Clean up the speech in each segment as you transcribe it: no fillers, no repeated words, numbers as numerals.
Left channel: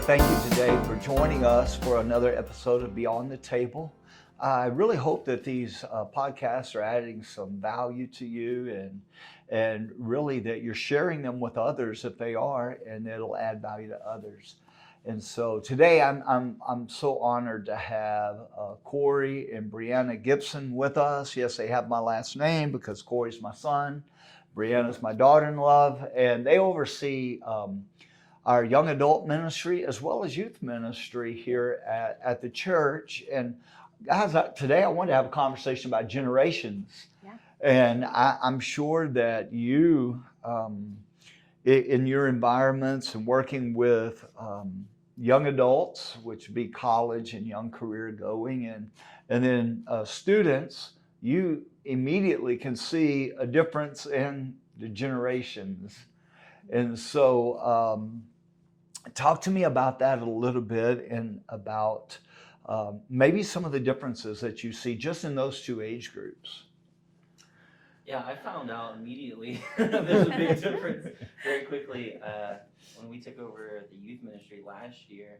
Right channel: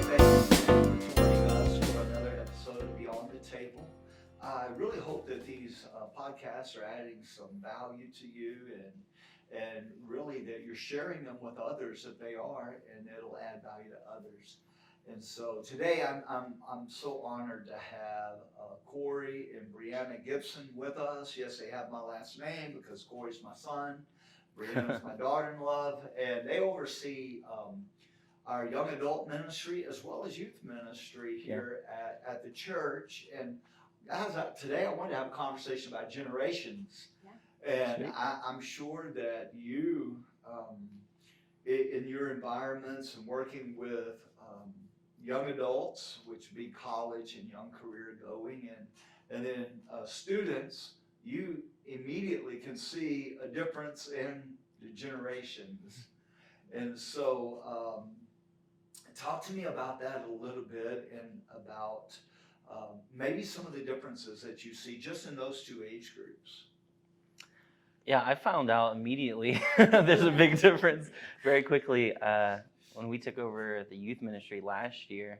Hey, thank you today for joining us for another episode of Beyond the Table. I really hope that these podcasts are adding some value to you and really that you're sharing them with others if they are, and it'll add value to others. And so today I'm so honored to have Corey and Briana Gibson with us. Yes, they have my last name because Corey's my son, Briana's my daughter-in-law, and they oversee our young adult ministry as well as youth ministry here at the church. And guys, today I wanted to have a conversation about generations. Yeah. And I'm sure that you, in your environments and working with young adults, which would be college and young career going, and then students, you immediately can see a difference in the generations. And so talk to me about that a little bit and about maybe some of the differences that you see just in those two age groups. Yeah, I found out immediately there's a big difference very quickly. When we took over the youth ministry last year,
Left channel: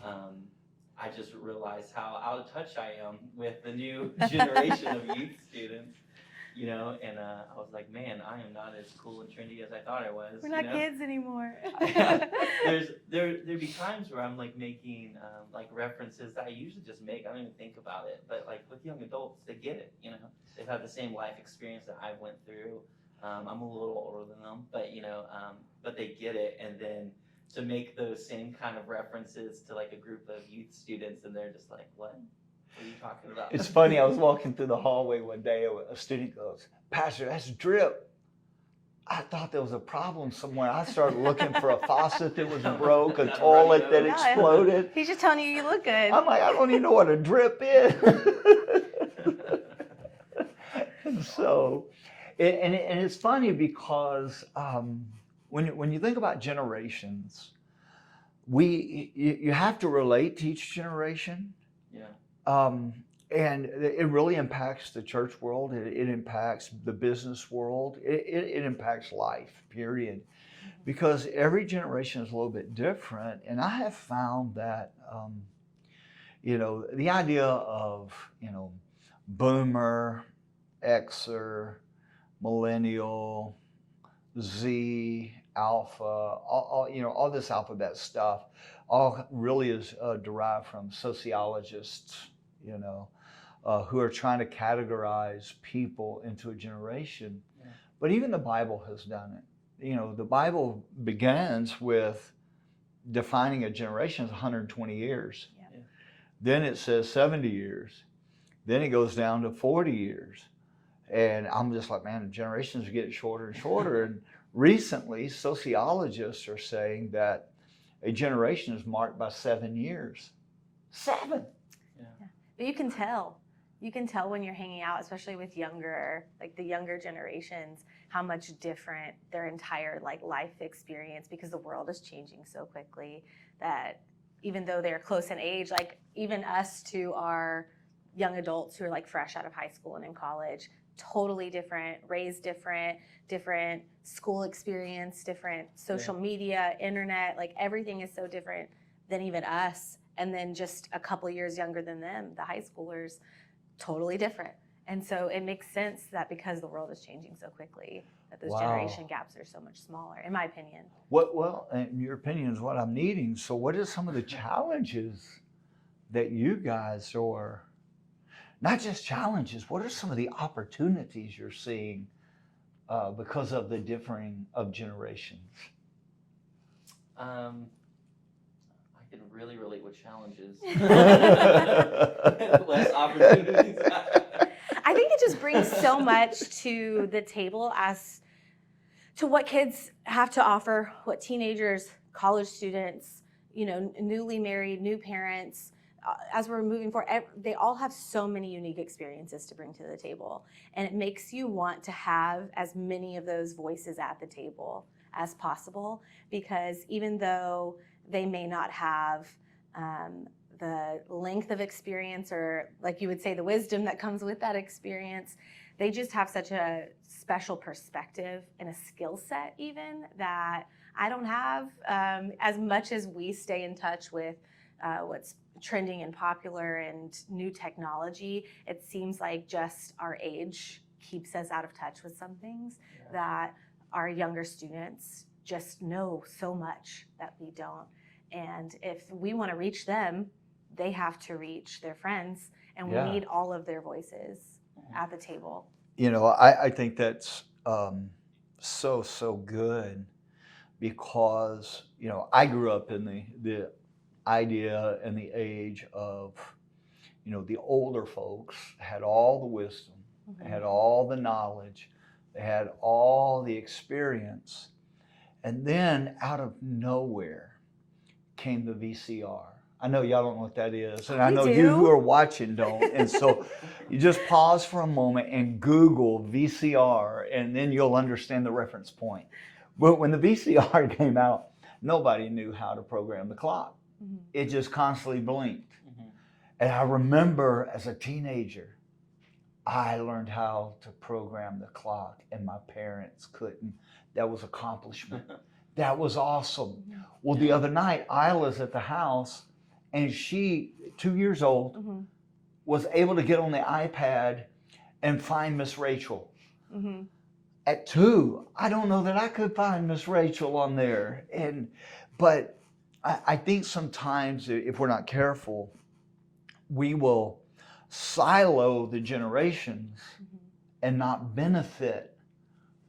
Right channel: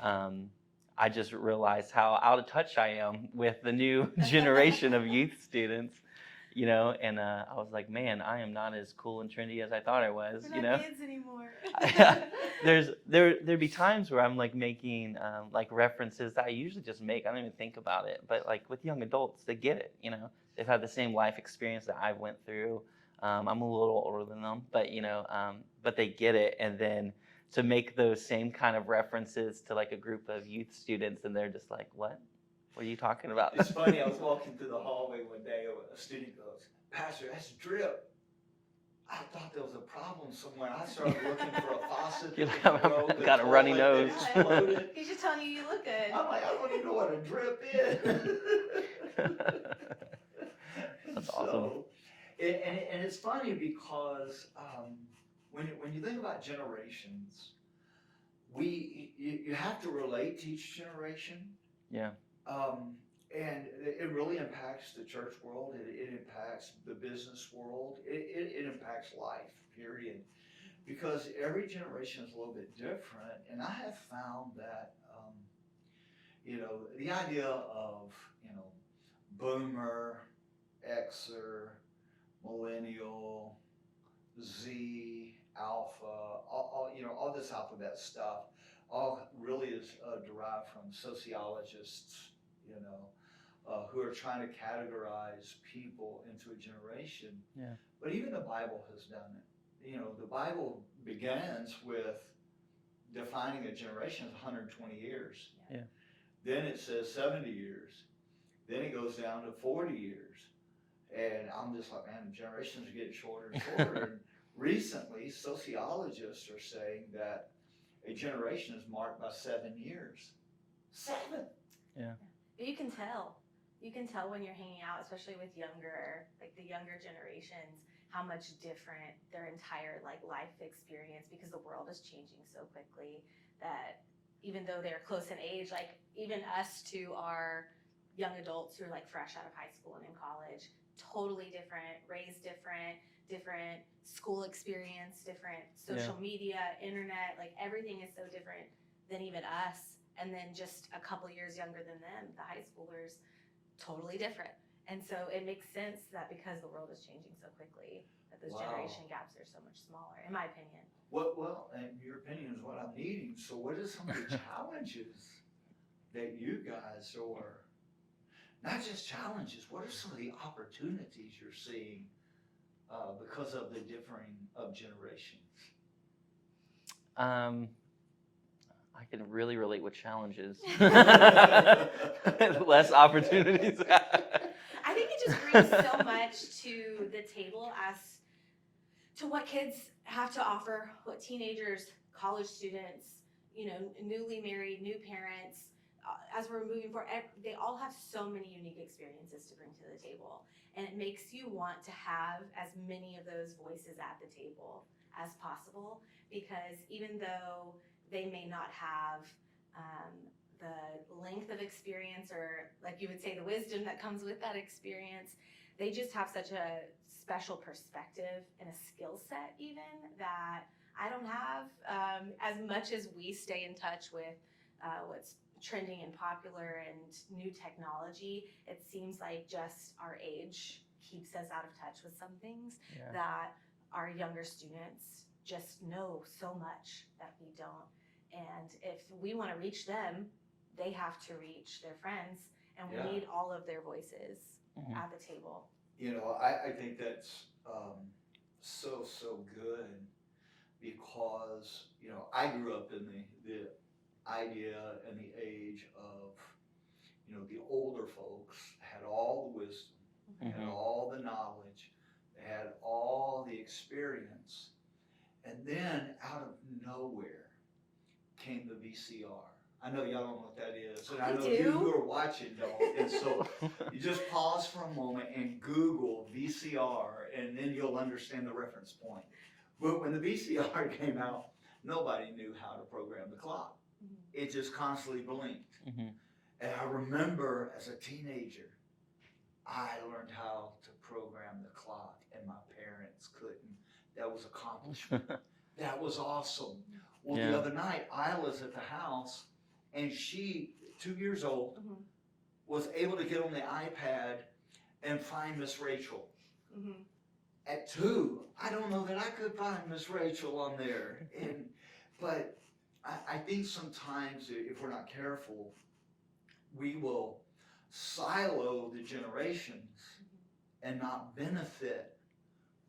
I just realized how out of touch I am with the new generation of youth students, you know, and I was like, man, I am not as cool and trendy as I thought I was. We're not kids anymore. There'd be times where I'm like making like references that I usually just make. I don't even think about it. But like with young adults, they get it, you know. They've had the same life experience that I went through. I'm a little older than them, but you know, but they get it. And then to make those same kind of references to like a group of youth students, and they're just like, what? What are you talking about? It's funny, I was walking through the hallway one day, a student goes, Pastor, that's drip. I thought there was a problem somewhere. I started looking for a faucet that was broke, a toilet that exploded. He's just telling you look good. I'm like, I don't even know what a drip is. So, and it's funny because when you think about generations, you have to relate to each generation. Yeah. And it really impacts the church world. It impacts the business world. It impacts life, period. Because every generation is a little bit different. And I have found that, you know, the idea of, you know, boomer, Xer, millennial, Z, alpha, all you know, all this alphabet stuff, all really is derived from sociologists, you know, who are trying to categorize people into a generation. Yeah. But even the Bible has done it. You know, the Bible begins with defining a generation as 120 years. Yeah. Then it says 70 years. Then it goes down to 40 years. And I'm just like, man, the generations are getting shorter and shorter. And recently, sociologists are saying that a generation is marked by 7 years. 7. Yeah. But you can tell. You can tell when you're hanging out, especially with the younger generations, how much different their entire life experience, because the world is changing so quickly that even though they're close in age, like even us to our young adults who are like fresh out of high school and in college, totally different, raised different school experience, different social media, internet, like everything is so different than even us. And then just a couple years younger than them, the high schoolers, totally different. And so it makes sense that because the world is changing so quickly, that those generation gaps are so much smaller, in my opinion. Well, and your opinion is what I'm needing. So what are some of the challenges that you guys are, not just challenges, what are some of the opportunities you're seeing because of the differing of generations? I can really relate with challenges. Less opportunities. I think it just brings so much to the table as to what kids have to offer, what teenagers, college students, you know, newly married, new parents, as we're moving forward, they all have so many unique experiences to bring to the table. And it makes you want to have as many of those voices at the table as possible, because even though they may not have the length of experience, or like you would say, the wisdom that comes with that experience, they just have such a special perspective and a skill set even that I don't have as much as we stay in touch with what's trending and popular and new technology. It seems like just our age keeps us out of touch with some things that our younger students just know so much that we don't. And if we want to reach them, they have to reach their friends, and we need all of their voices at the table. You know, I think that's so good, because, you know, I grew up in the idea and the age of, you know, the older folks had all the wisdom, had all the knowledge, they had all the experience, and then out of nowhere came the VCR. I know y'all don't know what that is, and I know you who are watching don't. And so you just pause for a moment and Google VCR, and then you'll understand the reference point. But when the VCR came out, nobody knew how to program the clock. It just constantly blinked. And I remember as a teenager, I learned how to program the clock, and my parents couldn't. That was accomplishment. That was awesome. Well, the other night, Isla's at the house, and she, 2 years old, was able to get on the iPad and find Miss Rachel. At 2, I don't know that I could find Miss Rachel on there. But I think sometimes if we're not careful, we will silo the generations and not benefit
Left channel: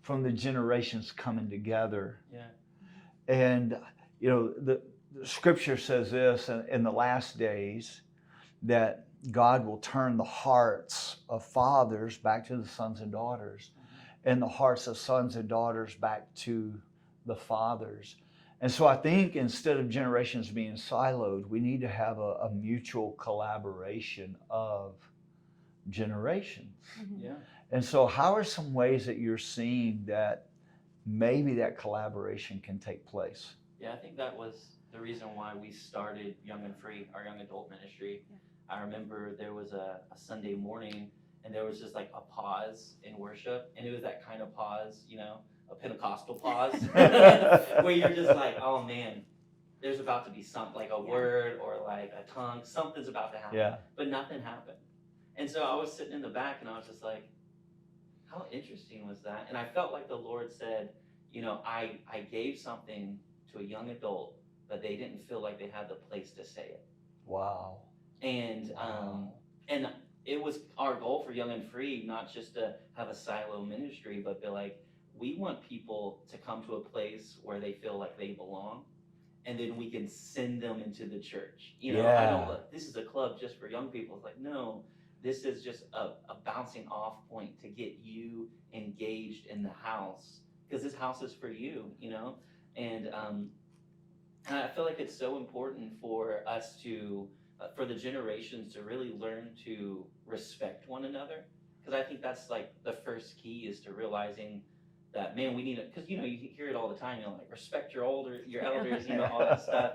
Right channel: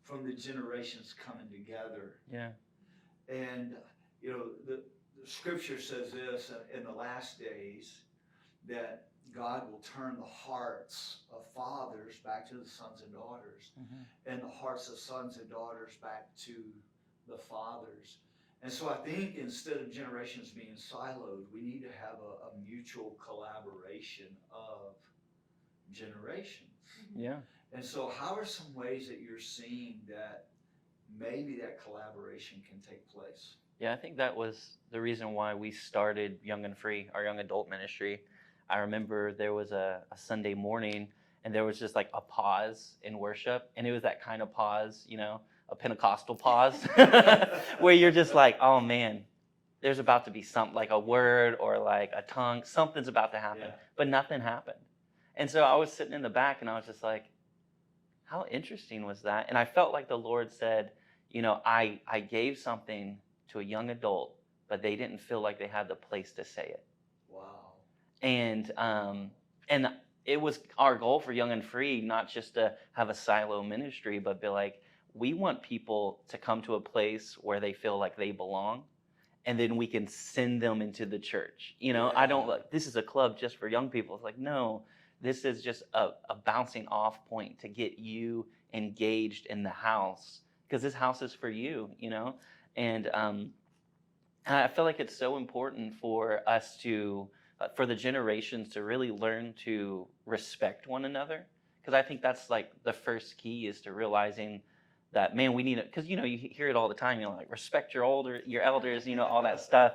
from the generations coming together. And, you know, the scripture says this in the last days, that God will turn the hearts of fathers back to the sons and daughters, and the hearts of sons and daughters back to the fathers. And so I think instead of generations being siloed, we need to have a mutual collaboration of generations. And so how are some ways that you're seeing that maybe that collaboration can take place? Yeah, I think that was the reason why we started Young and Free, our young adult ministry. I remember there was a Sunday morning, and there was just like a pause in worship, and it was that kind of pause, you know, a Pentecostal pause, where you're just like, oh man, there's about to be something, like a word or like a tongue, something's about to happen, but nothing happened. And so I was sitting in the back, and I was just like, how interesting was that? And I felt like the Lord said, you know, I gave something to a young adult, but they didn't feel like they had the place to say it. Wow. And it was our goal for Young and Free, not just to have a silo ministry, but be like, we want people to come to a place where they feel like they belong, and then we can send them into the church. You know, I don't look, this is a club just for young people. It's like, no, this is just a bouncing off point to get you engaged in the house, because this house is for you, you know? And I feel like it's so important for us to, for the generations to really learn to respect one another. Because I think that's like the first key, is to realizing that, man, we need it. Because, you know, you hear it all the time, you know, like respect your elders, you know, all that stuff.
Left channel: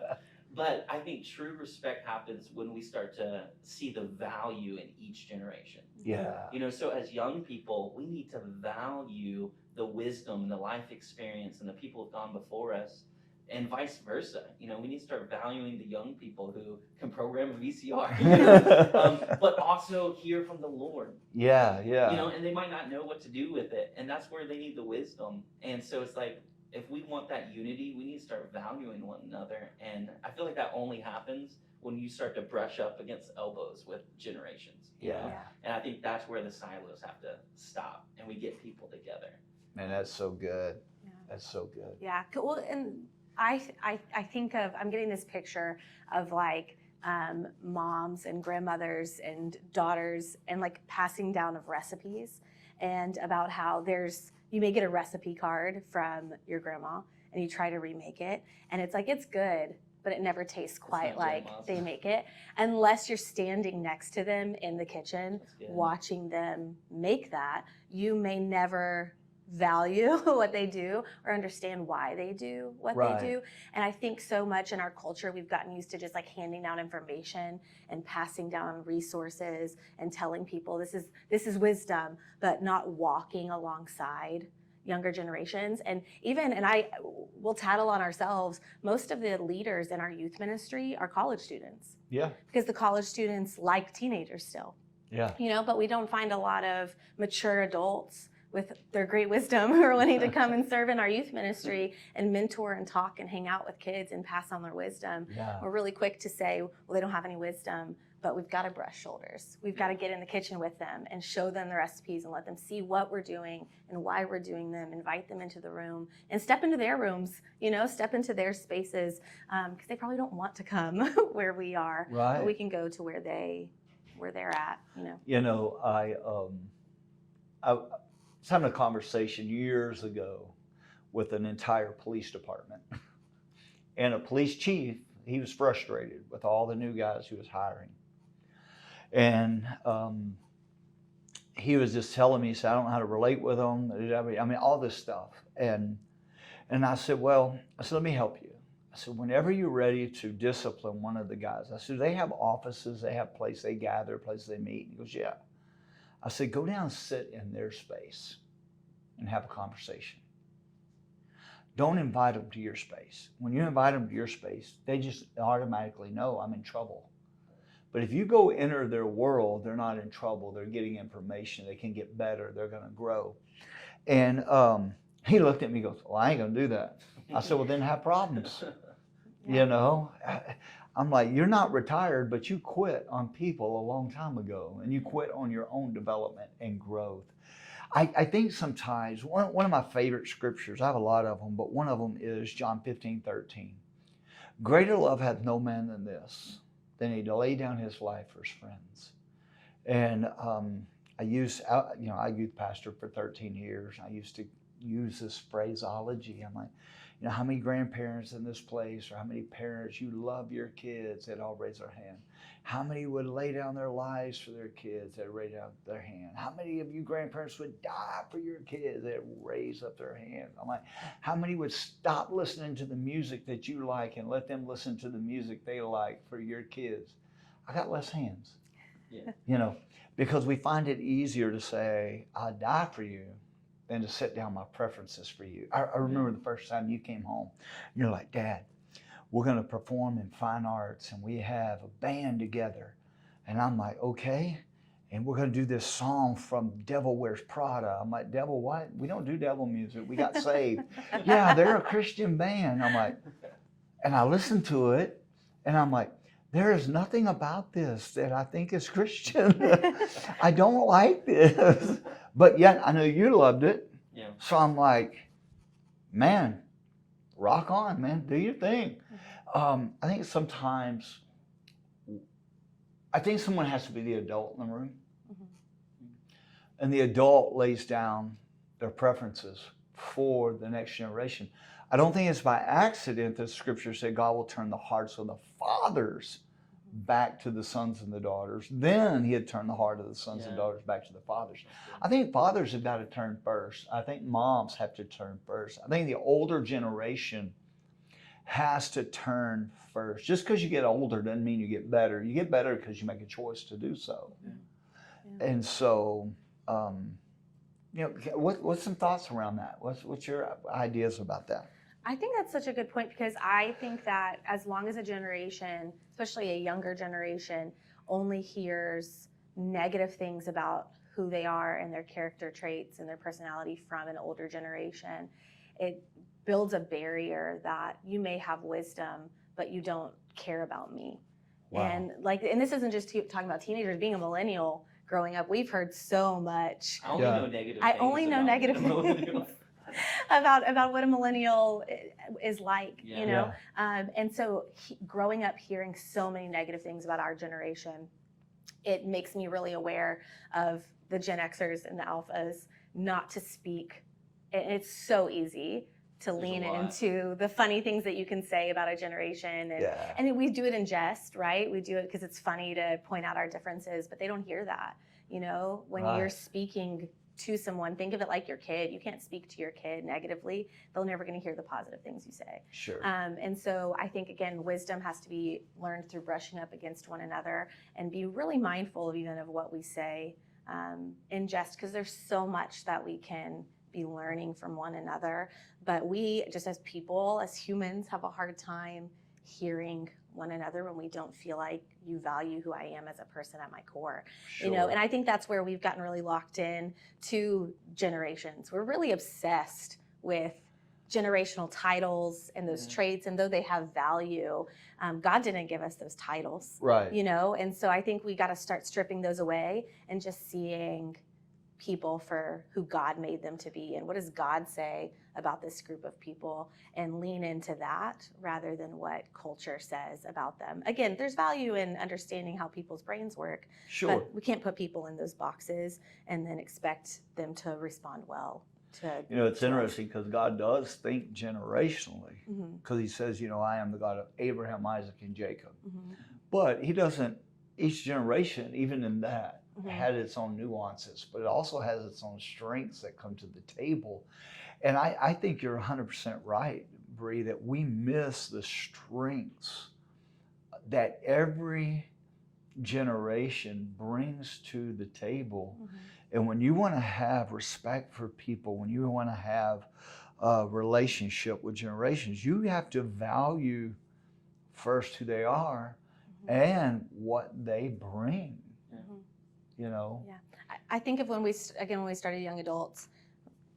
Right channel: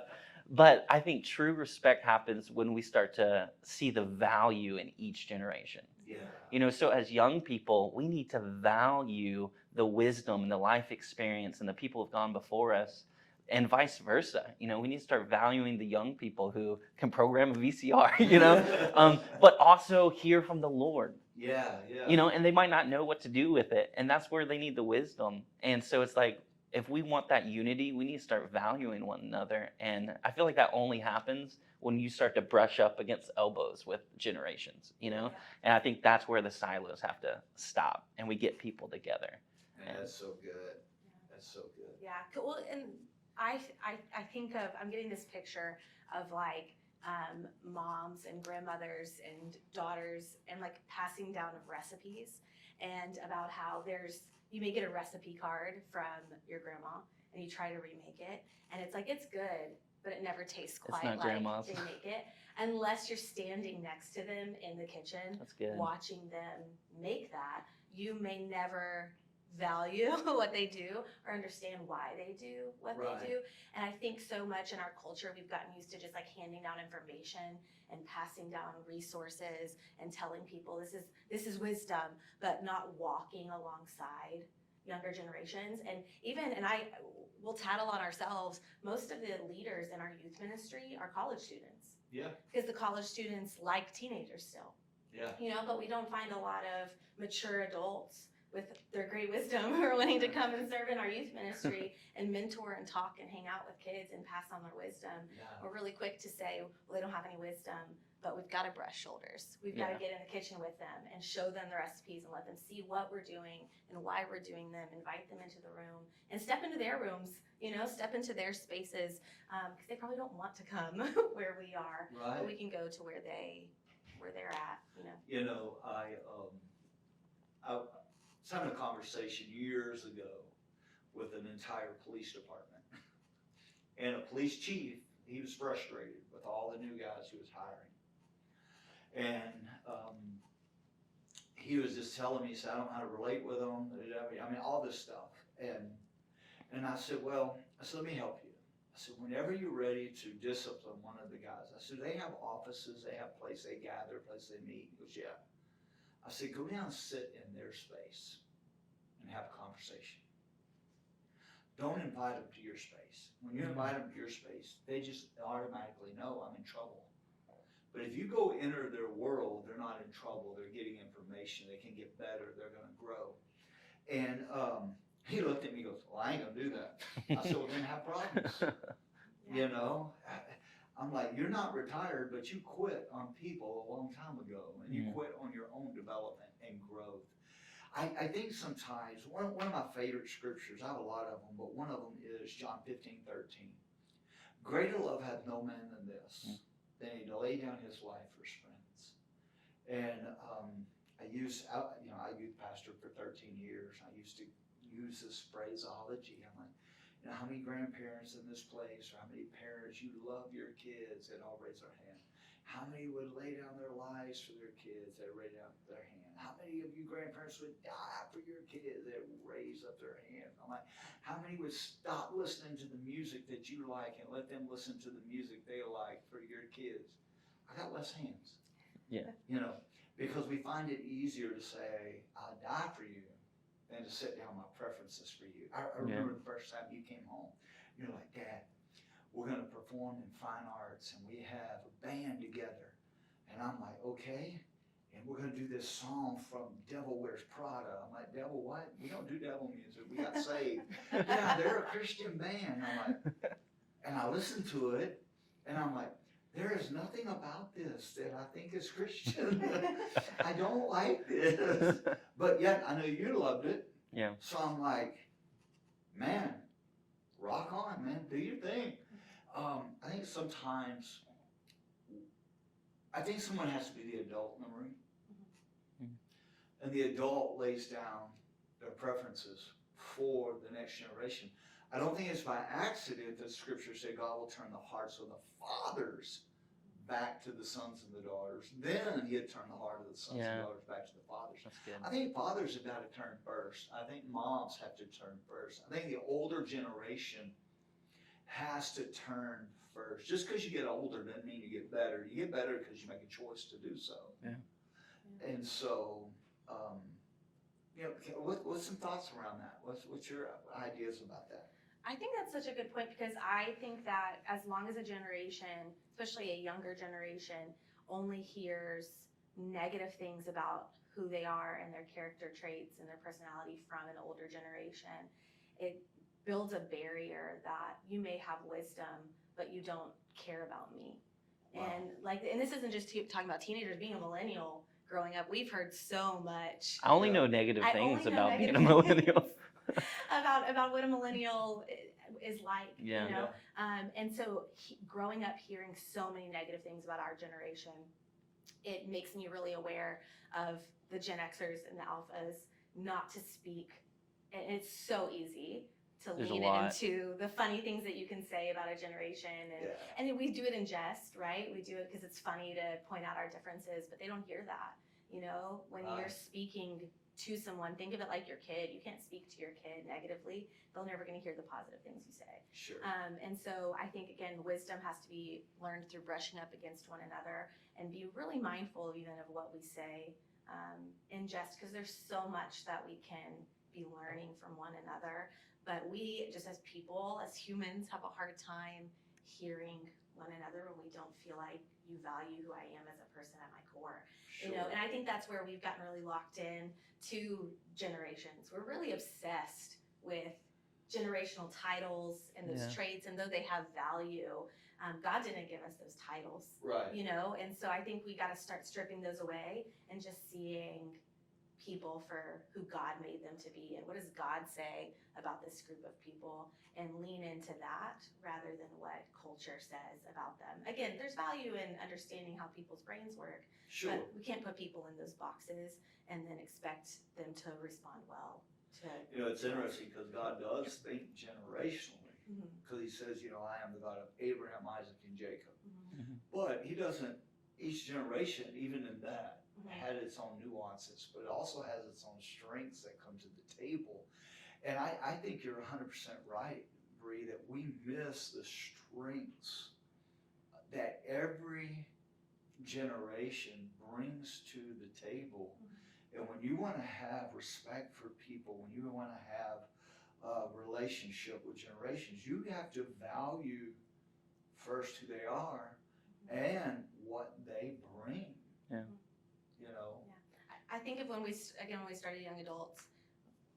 But I think true respect happens when we start to see the value in each generation. You know, so as young people, we need to value the wisdom and the life experience and the people who've gone before us, and vice versa. You know, we need to start valuing the young people who can program a VCR, you know, but also hear from the Lord. You know, and they might not know what to do with it, and that's where they need the wisdom. And so it's like, if we want that unity, we need to start valuing one another. And I feel like that only happens when you start to brush up against elbows with generations, you know? And I think that's where the silos have to stop, and we get people together. Man, that's so good. That's so good. Yeah, well, and I think of, I'm getting this picture of like moms and grandmothers and daughters, and like passing down of recipes, and about how you may get a recipe card from your grandma and you try to remake it, and it's like, it's good, but it never tastes quite like they make it, unless you're standing next to them in the kitchen watching them make that. You may never value what they do or understand why they do what they do. And I think so much in our culture, we've gotten used to just like handing down information and passing down resources and telling people this is wisdom, but not walking alongside younger generations. And we'll tattle on ourselves. Most of the leaders in our youth ministry are college students. Yeah. Because the college students like teenagers still. Yeah. But we don't find a lot of mature adults with their great wisdom who are wanting to come and serve in our youth ministry and mentor and talk and hang out with kids and pass on their wisdom. Yeah. We're really quick to say, well, they don't have any wisdom, but we've got to brush shoulders. We've got to get in the kitchen with them and show them the recipes and let them see what we're doing and why we're doing them, invite them into the room and step into their rooms, step into their spaces, because they probably don't want to come where we are. Right. But we can go to where they're at, I was having a conversation years ago with an entire police department. And a police chief, he was frustrated with all the new guys he was hiring. And he was just telling me, he said, I don't know how to relate with them. I mean, all this stuff. And I said, let me help you. I said, whenever you're ready to discipline one of the guys, I said, they have offices, they have places they gather, places they meet. He goes, yeah. I said, go down and sit in their space and have a conversation. Don't invite them to your space. When you invite them to your space, they just automatically know I'm in trouble. But if you go enter their world, they're not in trouble. They're getting information. They can get better. They're going to grow. And he looked at me and goes, well, I ain't going to do that. I said, well, then have problems. I'm like, you're not retired, but you quit on people a long time ago, and you quit on your own development and growth. I think sometimes, one of my favorite scriptures, I have a lot of them, but one of them is John 15:13. Greater love hath no man than this, than he to lay down his life for his friends. And I youth pastor for 13 years. I used to use this phraseology. I'm like, how many grandparents in this place, or how many parents, you love your kids? They'd all raise their hand. How many would lay down their lives for their kids? They'd raise down their hand. How many of you grandparents would die for your kids? They'd raise up their hand. I'm like, how many would stop listening to the music that you like and let them listen to the music they like for your kids? I got less hands. Yeah. Because we find it easier to say, I'll die for you, than to set down my preferences for you. I remember the first time you came home, you're like, Dad, we're going to perform in fine arts, and we have a band together. And I'm like, okay. And we're going to do this song from Devil Wears Prada. I'm like, Devil what? We don't do devil music. We got saved. Yeah, they're a Christian band. I'm like, and I listened to it, and I'm like, there is nothing about this that I think is Christian. I don't like this. But yet I know you loved it. Yeah. So I'm like, man, rock on, man. Do your thing. I think sometimes, someone has to be the adult in the room. Mm-hmm. And the adult lays down their preferences for the next generation. I don't think it's by accident that Scripture said God will turn the hearts of the fathers back to the sons and the daughters. Then He'd turn the heart of the sons and daughters back to the fathers. I think fathers have got to turn first. I think moms have to turn first. I think the older generation has to turn first. Just because you get older doesn't mean you get better. You get better because you make a choice to do so. Yeah. And so, what's some thoughts around that? What's your ideas about that? I think that's such a good point, because I think that as long as a generation, especially a younger generation, only hears negative things about who they are and their character traits and their personality from an older generation, it builds a barrier that you may have wisdom, but you don't care about me. Wow. And this isn't just talking about teenagers. Being a millennial growing up, we've heard so much. I only know negative things. I only know negative things about what a millennial is like, and so growing up hearing so many negative things about our generation, it makes me really aware of the Gen Xers and the Alphas not to speak. It's so easy to lean into the funny things that you can say about a generation, and we do it in jest, right? We do it because it's funny to point out our differences, but they don't hear that. When you're speaking to someone, think of it like your kid. You can't speak to your kid negatively. They're never going to hear the positive things you say. Sure. And so I think, again, wisdom has to be learned through brushing up against one another and be really mindful of what we say in jest, because there's so much that we can be learning from one another. But we, just as people, as humans, have a hard time hearing one another when we don't feel like you value who I am as a person at my core. Sure. And I think that's where we've gotten really locked in to generations. We're really obsessed with generational titles and those traits, and though they have value, God didn't give us those titles. Right. And so I think we got to start stripping those away and just seeing people for who God made them to be, and what does God say about this group of people, and lean into that rather than what culture says about them. Again, there's value in understanding how people's brains work, Sure. but we can't put people in those boxes and then expect them to respond well to. It's interesting because God does think generationally, because he says, I am the God of Abraham, Isaac, and Jacob. But he doesn't, each generation, even in that, had its own nuances, but it also has its own strengths that come to the table. And I think you're 100% right, Bree, that we miss the strengths that every generation brings to the table. And when you want to have respect for people, when you want to have a relationship with generations, you have to value first who they are and what they bring. I think of when we started Young Adults,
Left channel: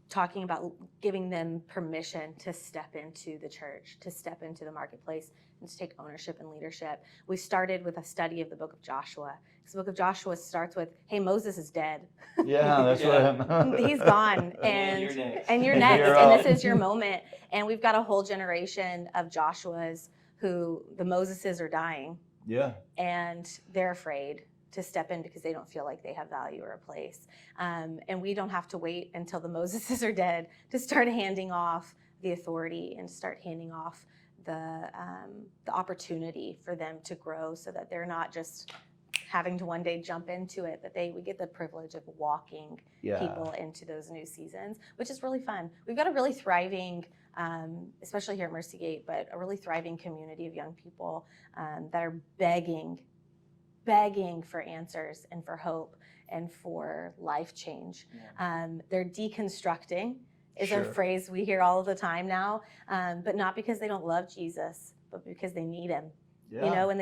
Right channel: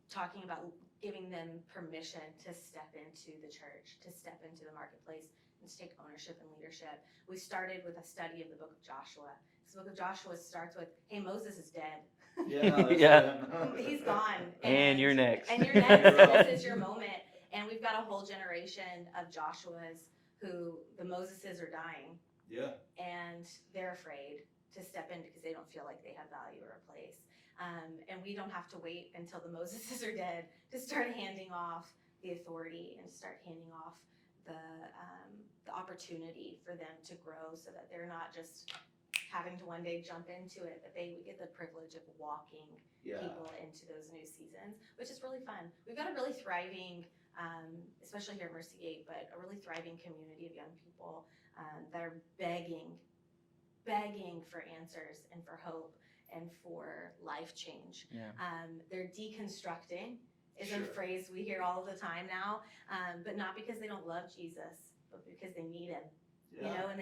talking about giving them permission to step into the church, to step into the marketplace, and to take ownership and leadership. We started with a study of the book of Joshua. Because the book of Joshua starts with, hey, Moses is dead. Yeah, that's right. He's gone. And you're next. And you're next, and this is your moment. And we've got a whole generation of Joshuas who the Moseses are dying. Yeah. And they're afraid to step in because they don't feel like they have value or a place. And we don't have to wait until the Moseses are dead to start handing off the authority and start handing off the opportunity for them to grow, so that they're not just having to one day jump into it, but we get the privilege of walking people into those new seasons, which is really fun. We've got a really thriving, especially here at Mercy Gate, but a really thriving community of young people that are begging for answers and for hope and for life change. They're deconstructing is a phrase we hear all the time now, but not because they don't love Jesus, but because they need him, and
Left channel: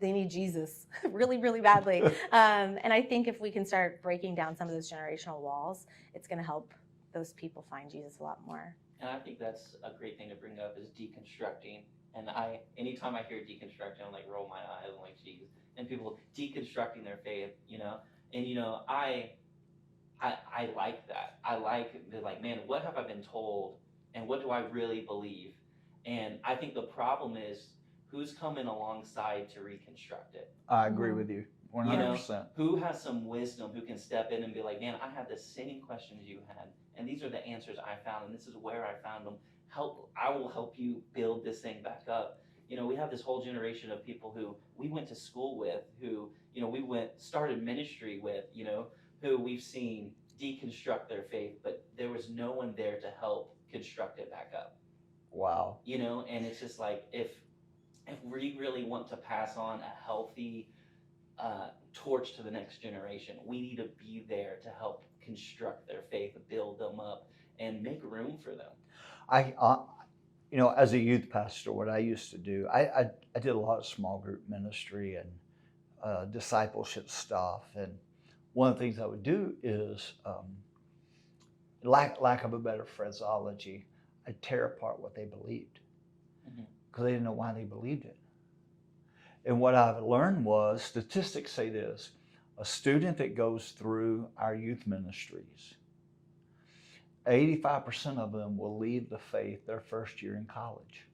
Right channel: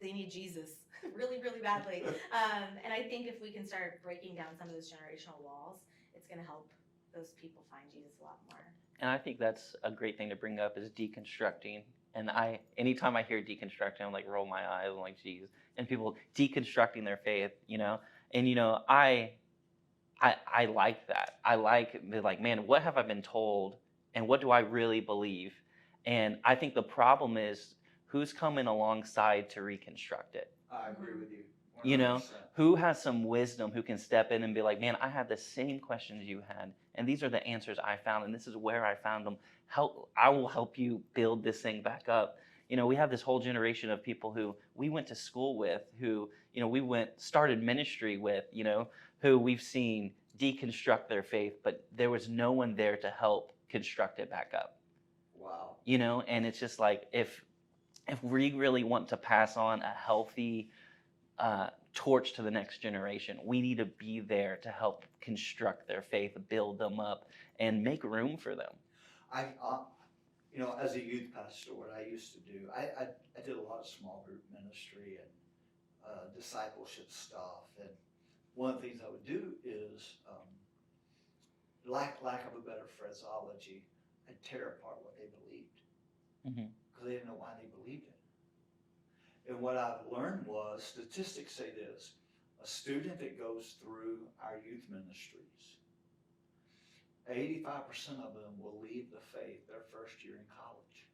they need Jesus really, really badly. And I think if we can start breaking down some of those generational walls, it's going to help those people find Jesus a lot more. And I think that's a great thing to bring up, is deconstructing. And anytime I hear deconstructing, I'm like, roll my eyes. I'm like, geez. And people deconstructing their faith, And I like that. I like, man, what have I been told, and what do I really believe? And I think the problem is who's coming alongside to reconstruct it. I agree with you 100%. Who has some wisdom, who can step in and be like, man, I had the same questions you had, and these are the answers I found, and this is where I found them. I will help you build this thing back up. We have this whole generation of people who we went to school with, who, we started ministry with, who we've seen deconstruct their faith, but there was no one there to help construct it back up. Wow. And it's just like, if we really want to pass on a healthy torch to the next generation, we need to be there to help construct their faith, build them up, and make room for them. As a youth pastor, what I used to do, I did a lot of small group ministry and discipleship stuff. And one of the things I would do is, lack of a better phraseology, I'd tear apart what they believed, because they didn't know why they believed it. And what I've learned was, statistics say this: a student that goes through our youth ministries, 85% of them will leave the faith their first year in college.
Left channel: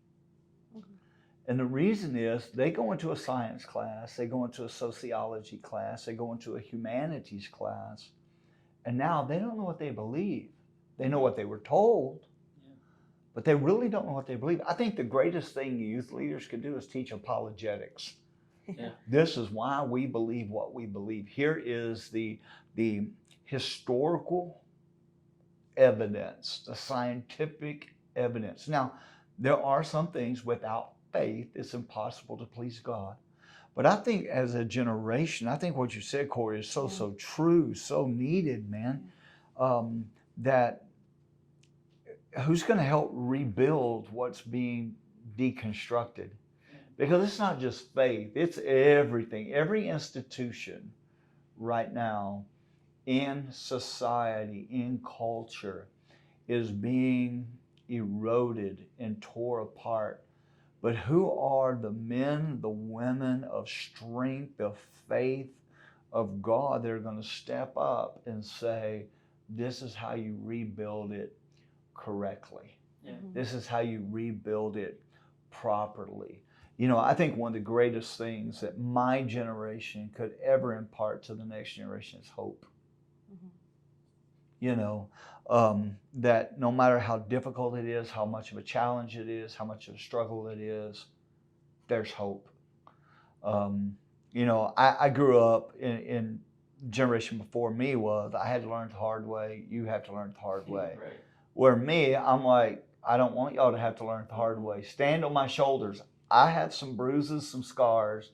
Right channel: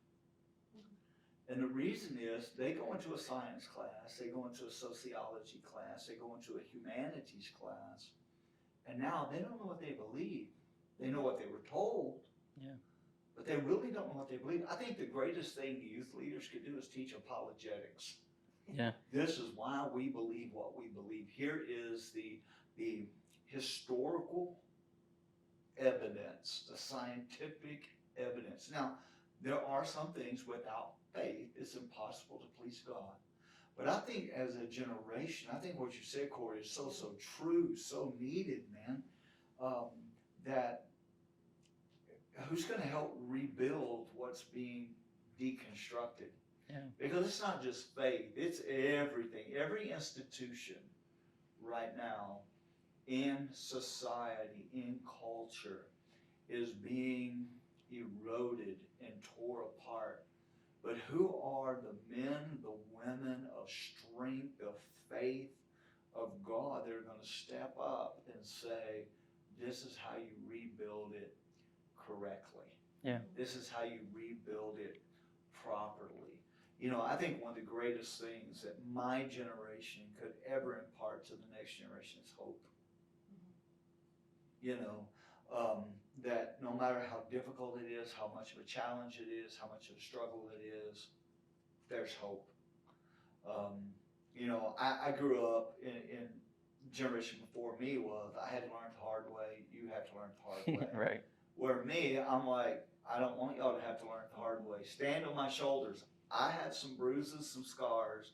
And the reason is, they go into a science class, they go into a sociology class, they go into a humanities class, and now they don't know what they believe. They know what they were told, but they really don't know what they believe. I think the greatest thing youth leaders can do is teach apologetics. This is why we believe what we believe. Here is the historical evidence, the scientific evidence. Now, there are some things without faith, it's impossible to please God. But I think as a generation, I think what you said, Corey, is so true, so needed, man, that who's going to help rebuild what's being deconstructed? Because it's not just faith, it's everything. Every institution right now in society, in culture, is being eroded and tore apart. But who are the men, the women of strength, of faith, of God that are going to step up and say, this is how you rebuild it correctly. Yeah. This is how you rebuild it properly. You know, I think one of the greatest things that my generation could ever impart to the next generation is hope. You know, that no matter how difficult it is, how much of a challenge it is, how much of a struggle it is, there's hope. You know, I grew up in generation before me was, I had to learn the hard way, you have to learn the hard way. Right. Where me, I'm like, I don't want y'all to have to learn the hard way. Stand on my shoulders. I have some bruises, some scars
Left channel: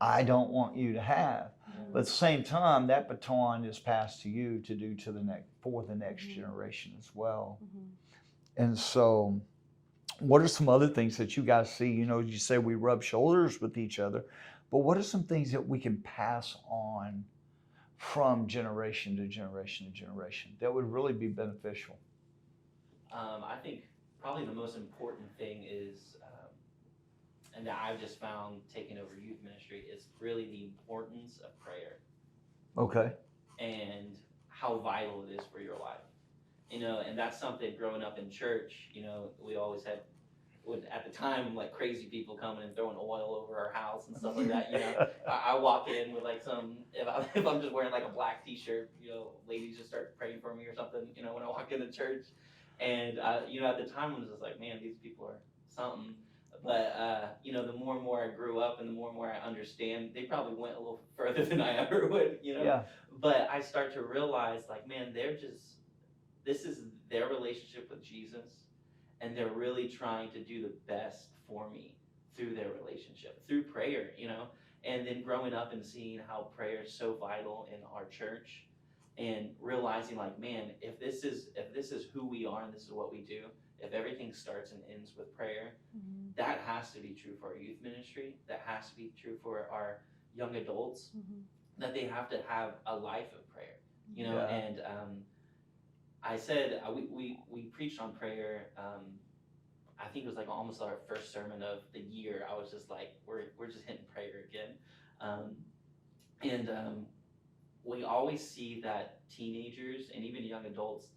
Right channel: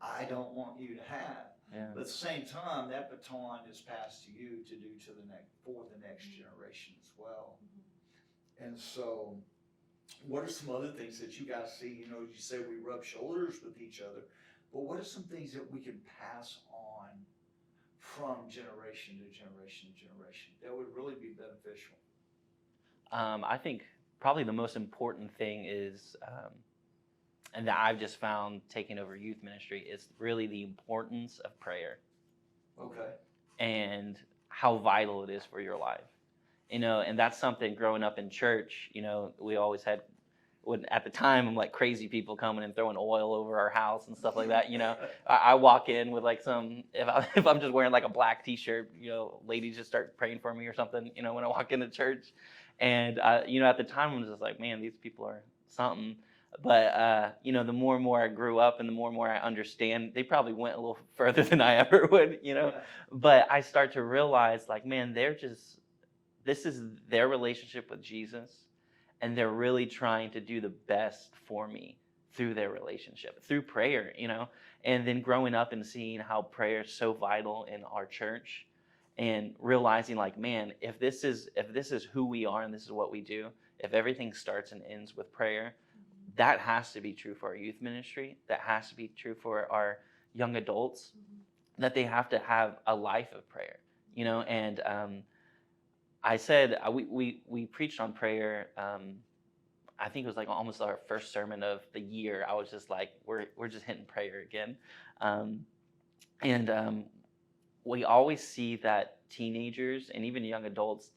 I don't want you to have. Yeah. But at the same time, that baton is passed to you to do to the next, for the next generation as well. And so, what are some other things that you guys see? You know, you say we rub shoulders with each other, but what are some things that we can pass on from generation to generation to generation that would really be beneficial? I think probably the most important thing is, and that I've just found taking over youth ministry, is really the importance of prayer. Okay. And how vital it is for your life. You know, and that's something growing up in church, you know, we always had, at the time, I'm like crazy people coming and throwing oil over our house and stuff like that. You know, I walk in with like if I'm just wearing like a black t-shirt, you know, ladies just start praying for me or something, you know, when I walk into church. And, you know, at the time I was just like, man, these people are something. But, you know, the more and more I grew up and the more and more I understand, they probably went a little further than I ever would, you know. Yeah. But I start to realize, like, man, this is their relationship with Jesus, and they're really trying to do the best for me through their relationship, through prayer, you know. And then growing up and seeing how prayer is so vital in our church, and realizing, like, man, if this is who we are and this is what we do, if everything starts and ends with prayer, that has to be true for our youth ministry. That has to be true for our young adults. That they have to have a life of prayer, you know. Yeah. And I said we preached on prayer. I think it was like almost our first sermon of the year. I was just like, we're just hitting prayer again, and we always see that teenagers and even young adults,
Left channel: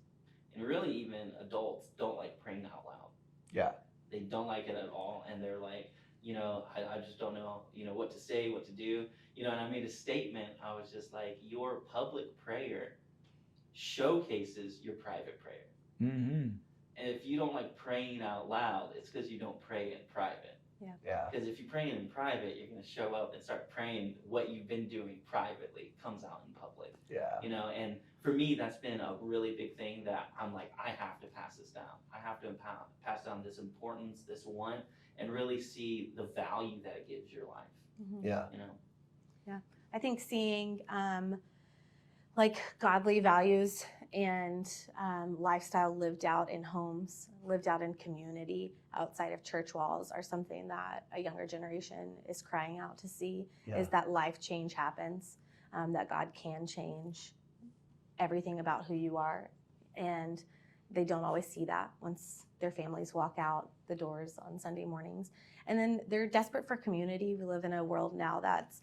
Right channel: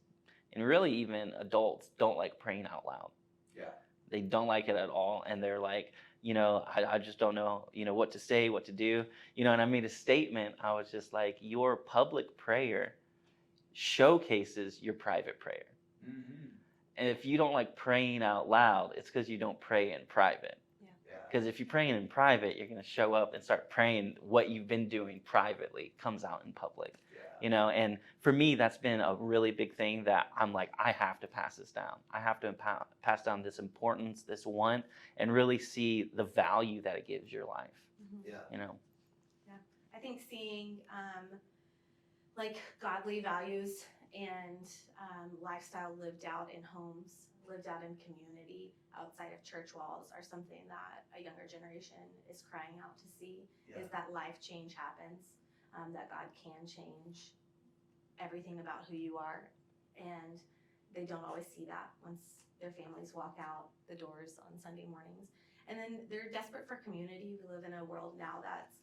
and really even adults, don't like praying out loud. Yeah. They don't like it at all, and they're like, you know, I just don't know, you know, what to say, what to do, you know. And I made a statement. I was just like, your public prayer showcases your private prayer. And if you don't like praying out loud, it's because you don't pray in private. Yeah. Because if you're praying in private, you're going to show up and start praying what you've been doing privately comes out in public. Yeah. You know, and for me, that's been a really big thing that I'm like, I have to pass this down. I have to pass down this importance, this want, and really see the value that it gives your life. Yeah. You know? Yeah. I think seeing like godly values and lifestyle lived out in homes, lived out in community, outside of church walls, are something that a younger generation is crying out to see. Is that life change happens, that God can change everything about who you are. And they don't always see that once their families walk out the doors on Sunday mornings. And then they're desperate for community. We live in a world now that's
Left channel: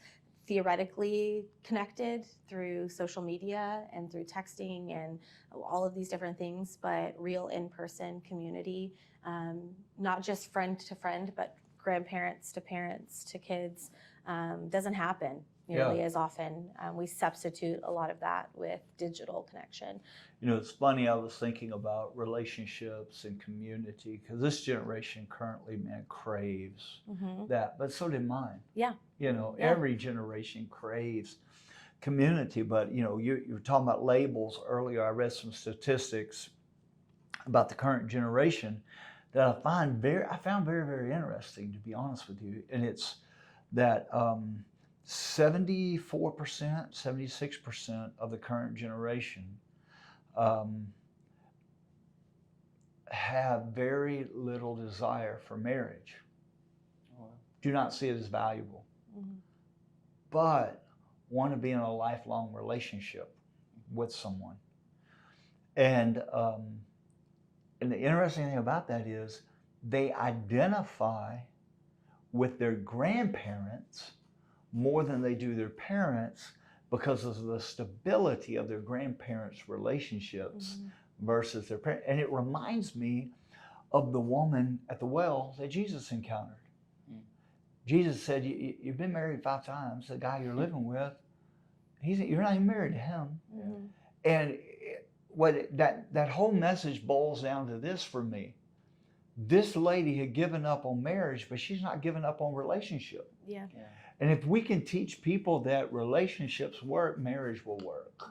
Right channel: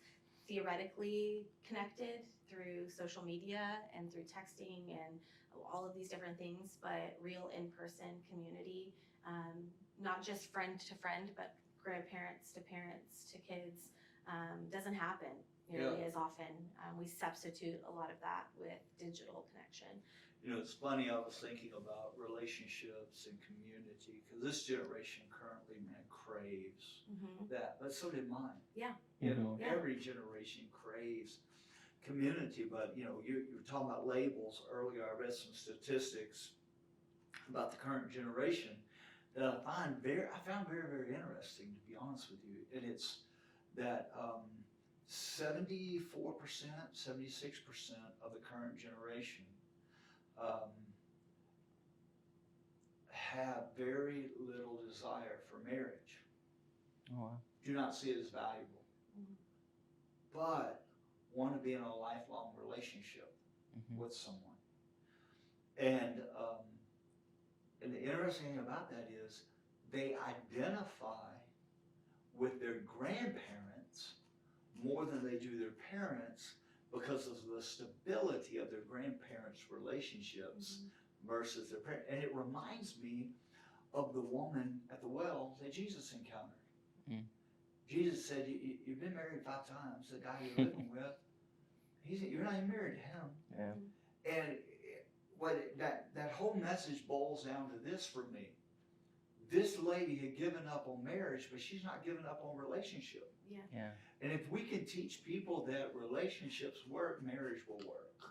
theoretically connected through social media and through texting and all of these different things, but real in-person community, not just friend to friend, but grandparents to parents to kids, doesn't happen nearly as often. We substitute a lot of that with digital connection. You know, it's funny, I was thinking about relationships and community, because this generation currently, man, craves that, but so did mine. Yeah. You know, every generation craves community, but you know, you were talking about labels earlier. I read some statistics about the current generation that I found very, very interesting, to be honest with you. And it's that 74%, 76% of the current generation have very little desire for marriage, do not see it as valuable, but want to be in a lifelong relationship with someone. And the interesting thing about that is they identify with their grandparents more than they do their parents because of the stability of their grandparents' relationships versus their parents. And it reminds me of the woman at the well that Jesus encountered. Jesus said, you've been married 5 times. The guy you're living with, you're not even married to him. And what that whole message boils down to this for me. This lady had given up on marriage, but she's not given up on relationship. And if we can teach people that relationships work, marriage will work.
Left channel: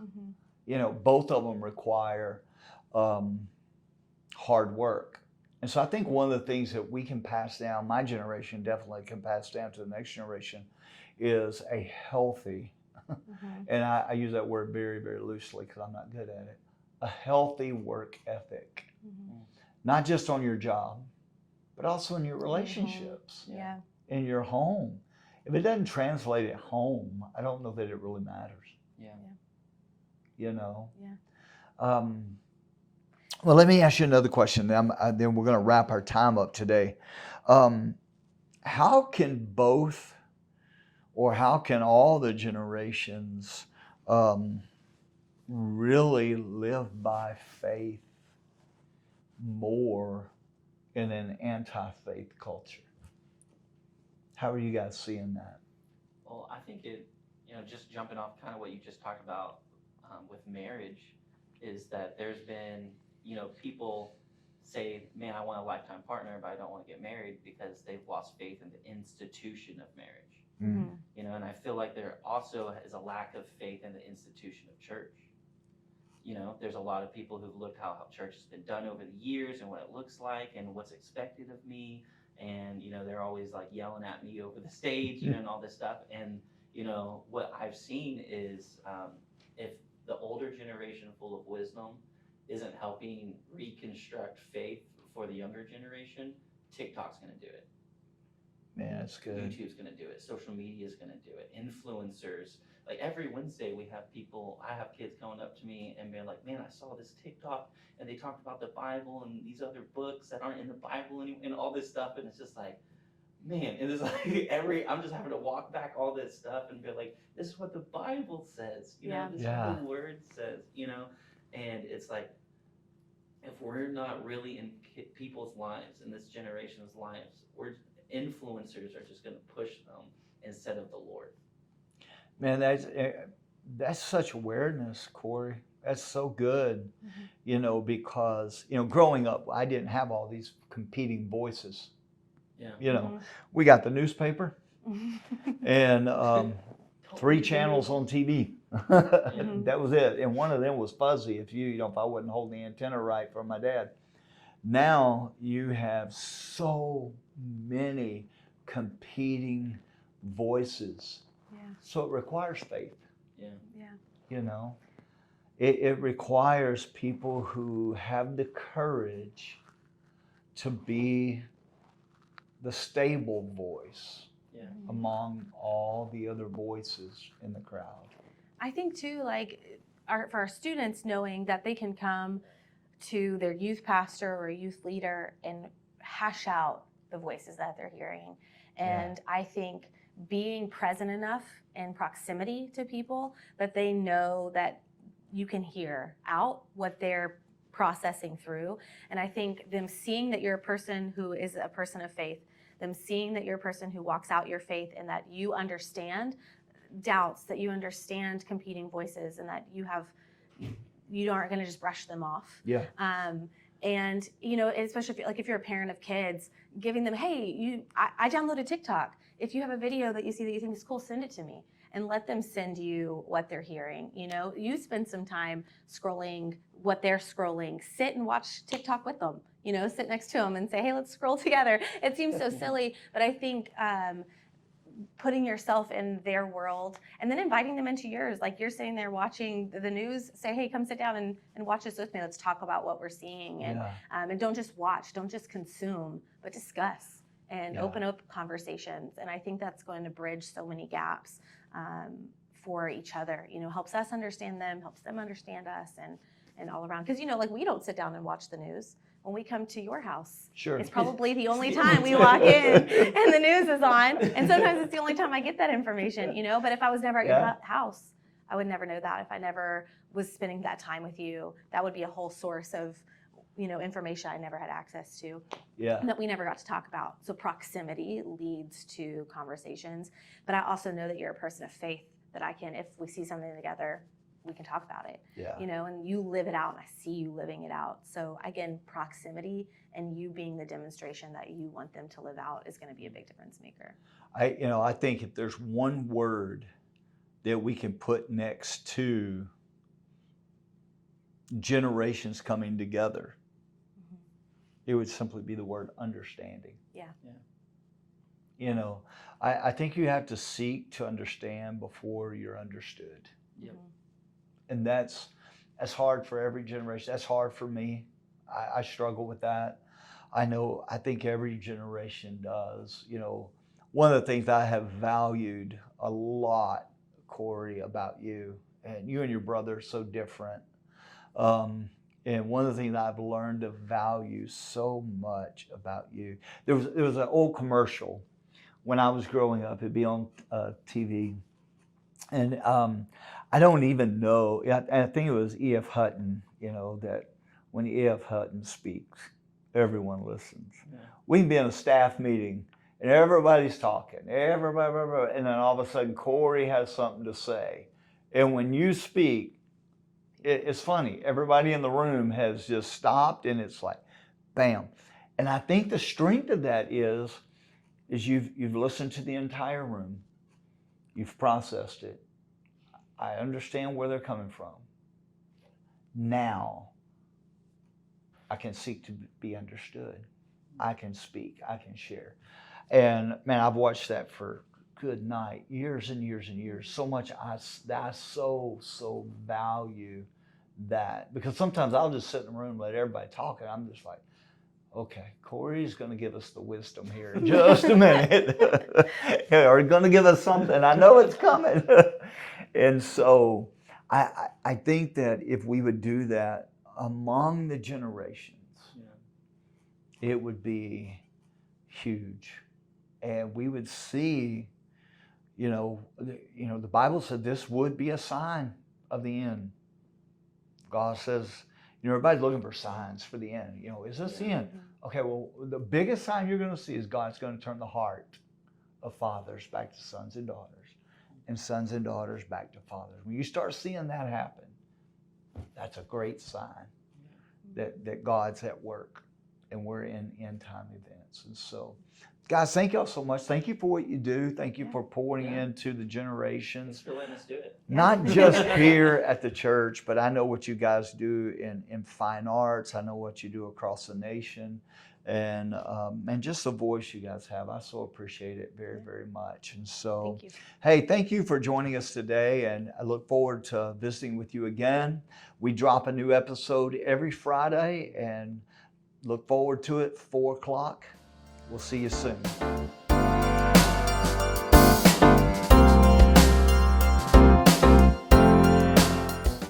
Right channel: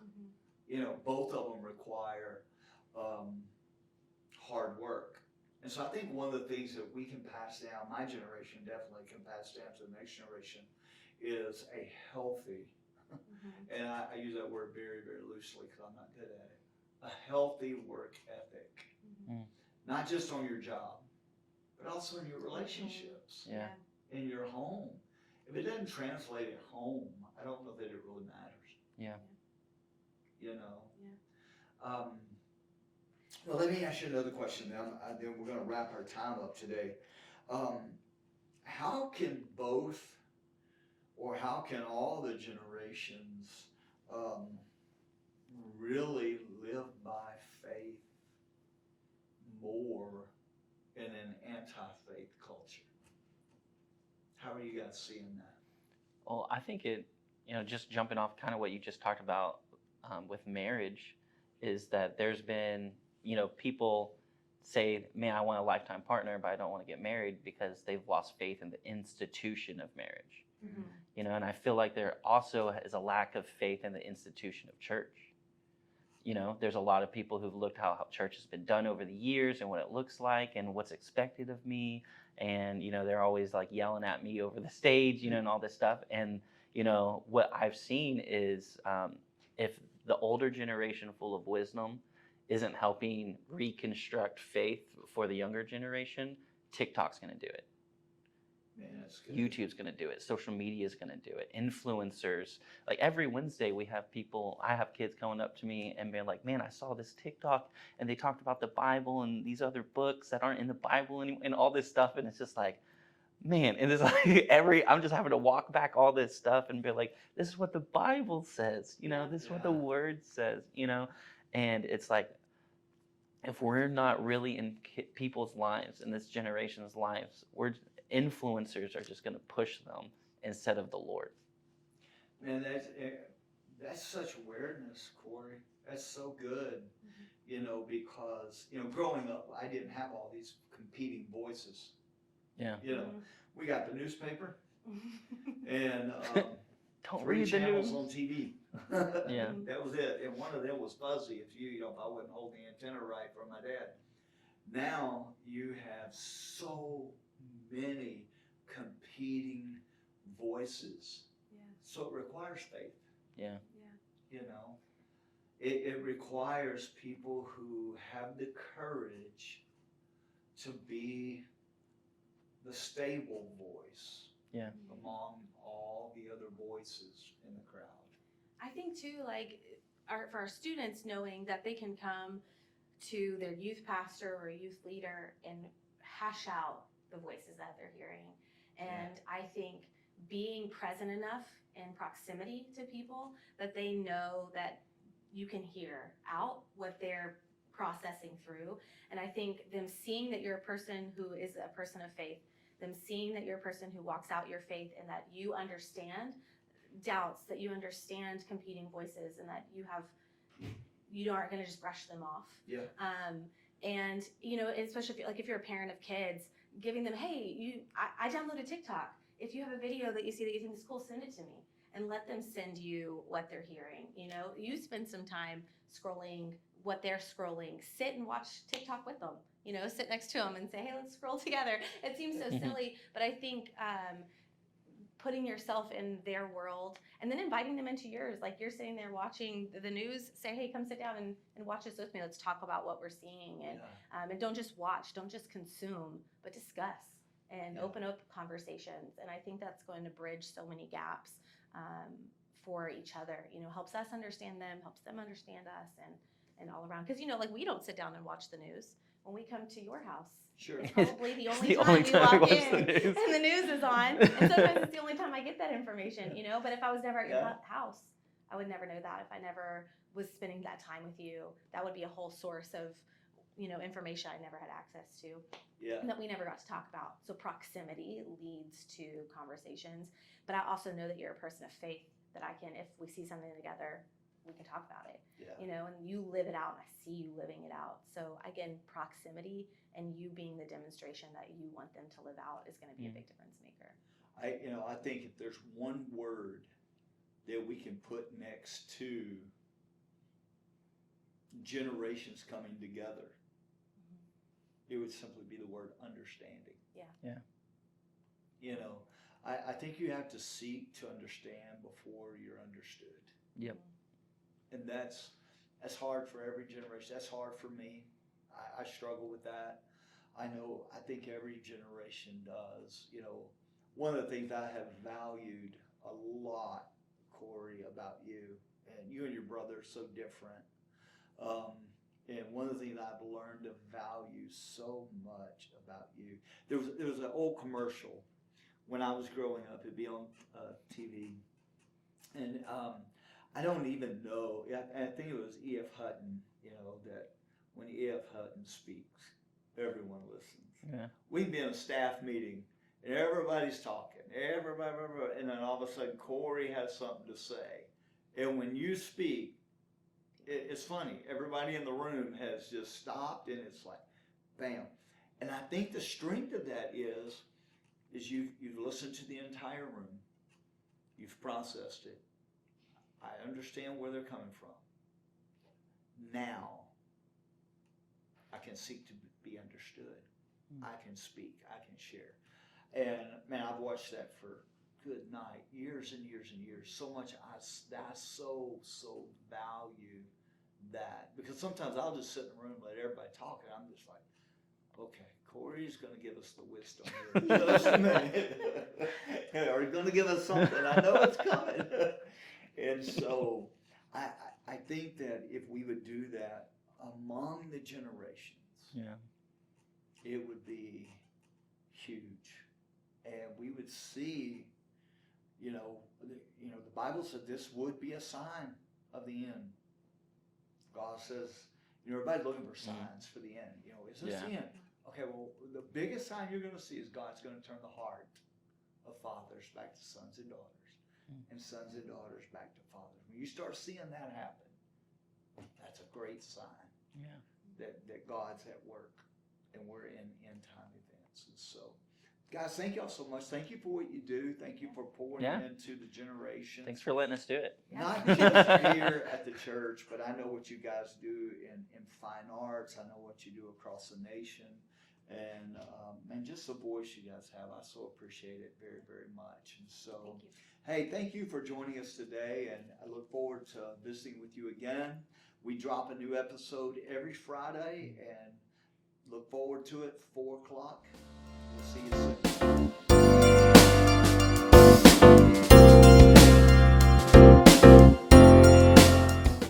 You know, both of them require hard work. And so I think one of the things that we can pass down, my generation definitely can pass down to the next generation, is a healthy, and I use that word very, very loosely because I'm not good at it, a healthy work ethic. Not just on your job, but also in your relationships, in your home. If it doesn't translate at home, I don't know that it really matters. You know? Well, let me ask you another question. Then we're going to wrap our time up today. How can both, or how can all the generations really live by faith more in an anti-faith culture? How are you guys seeing that? Well, I think it, just jumping off kind of what you just talked about with marriage, is that there's been, people say, man, I want a lifetime partner, but I don't want to get married because they've lost faith in the institution of marriage. And I feel like there also is a lack of faith in the institution of church. There's a lot of people who've looked how church has been done over the years and what it looks like and what's expected of me. And, they're always like yelling at me over the stage, and all this stuff. And, what I've seen is if the older generation full of wisdom isn't helping reconstruct faith for the younger generation, TikTok's going to do it. Man, that's good. YouTube's going to do it. Social media is going to do it. Influencers. Like every Wednesday I have kids coming up to me and being like, man, I saw this TikTok and they talked about the Bible and these other books that aren't in the Bible and all this stuff. And it's just like, man, and it's like I'm just having to walk back all this stuff and be like, this is what the Bible says, this is what the Word says, and it's like, if we're not really in people's lives, in this generation's lives, influencers are just going to push them instead of the Lord. Man, that's such awareness, Corey. That's so good, because, growing up, I didn't have all these competing voices. We got the newspaper and 3 channels on TV. That was it. And one of them was fuzzy if I wasn't holding the antenna right for my dad. Now you have so many competing voices. So it requires faith. It requires people who have the courage to be the stable voice among all the other voices in the crowd. I think too, for our students, knowing that they can come to their youth pastor or youth leader and hash out the voices that they're hearing. And I think being present enough in proximity to people that they know that you can hear out what they're processing through. And I think them seeing that you're a person who is a person of faith, them seeing that you're a person who walks out your faith and that you understand doubts, that you understand competing voices, and that you aren't going to just brush them off. And especially if you're a parent of kids, giving them, hey, I downloaded TikTok. If you have a video that you see that you think is cool, send it to me, and let them send you what they're hearing. You spend some time scrolling what they're scrolling. Sit and watch TikTok with them. Sit next to them and say, hey, let's scroll together. It seems so silly, but I think putting yourself in their world and then inviting them into yours. Like you're sitting there watching the news, say, hey, come sit down and watch this with me. Let's talk about what we're seeing. And don't just watch, don't just consume, but discuss and open up conversations. And I think that's going to bridge so many gaps for each other. Helps us understand them, helps them understand us, and all around. Because, like we don't sit down and watch the news. When we come to your house, Sure. It's probably the only time we walk in and the news is on. And sometimes it's the only time I get that information, But if I was never at your house, I would never know that. If I never was spending that time with you, that would be a whole source of, information I never had access to. That we never got to talk about. So proximity leads to conversations. But I also know that you're a person of faith, that I can, if we see something together, we can talk about it, and you live it out, and I see you living it out. So again, proximity and you being the demonstration that you want them to live out is going to be a big difference maker. I think if there's one word that we can put next to generations coming together, it would simply be the word understanding. I think you have to seek to understand before you're understood. And that's hard for every generation. That's hard for me. I struggle with that. I think every generation does. One of the things I have valued a lot, Corey, about you, and you and your brother are so different. And one of the things I've learned to value so much about you, there was an old commercial when I was growing up. It'd be on TV. And I don't even know, I think it was E.F. Hutton, that when E.F. Hutton speaks, everyone listens. We can be in a staff meeting and everybody's talking, and then all of a sudden Corey has something to say. And when you speak, it's funny, everybody in the room has just stopped and it's like, bam. And I think the strength of that is you've listened to the entire room, you've processed it. I understand where they're coming from. Now, I can seek to be understood. I can speak. I can share. And man, I've watched that for good night, years and years and years. So much I so value that, because sometimes I'll just sit in the room and let everybody talk, and I'm just like, okay, Corey's going to give us the wisdom here in just a minute. Or he's going to give us something. I know it's coming. And so I think that if we would do that among the generations, it would be huge. And we would see, the Bible said this would be a sign of the end. God says, everybody's looking for signs for the end. Is this the end? Okay, well, the biggest sign you're going to see is God's going to turn the heart of fathers back to sons and daughters, and sons and daughters back to fathers. When you start seeing that happen, that's a great sign that God's at work, and we're in end time events. And so, guys, thank y'all so much. Thank you for what you do. Thank you for pouring into the generations. Thanks for letting us do it. Not just here at the church, but I know what you guys do in fine arts. I know what you do across the nation. And just the voice you guys have. I so appreciate it very, very much. And so, thank you for joining us today. And I look forward to visiting with you again. We drop a new episode every Friday, and look forward to it, 4 o'clock. We'll see you soon.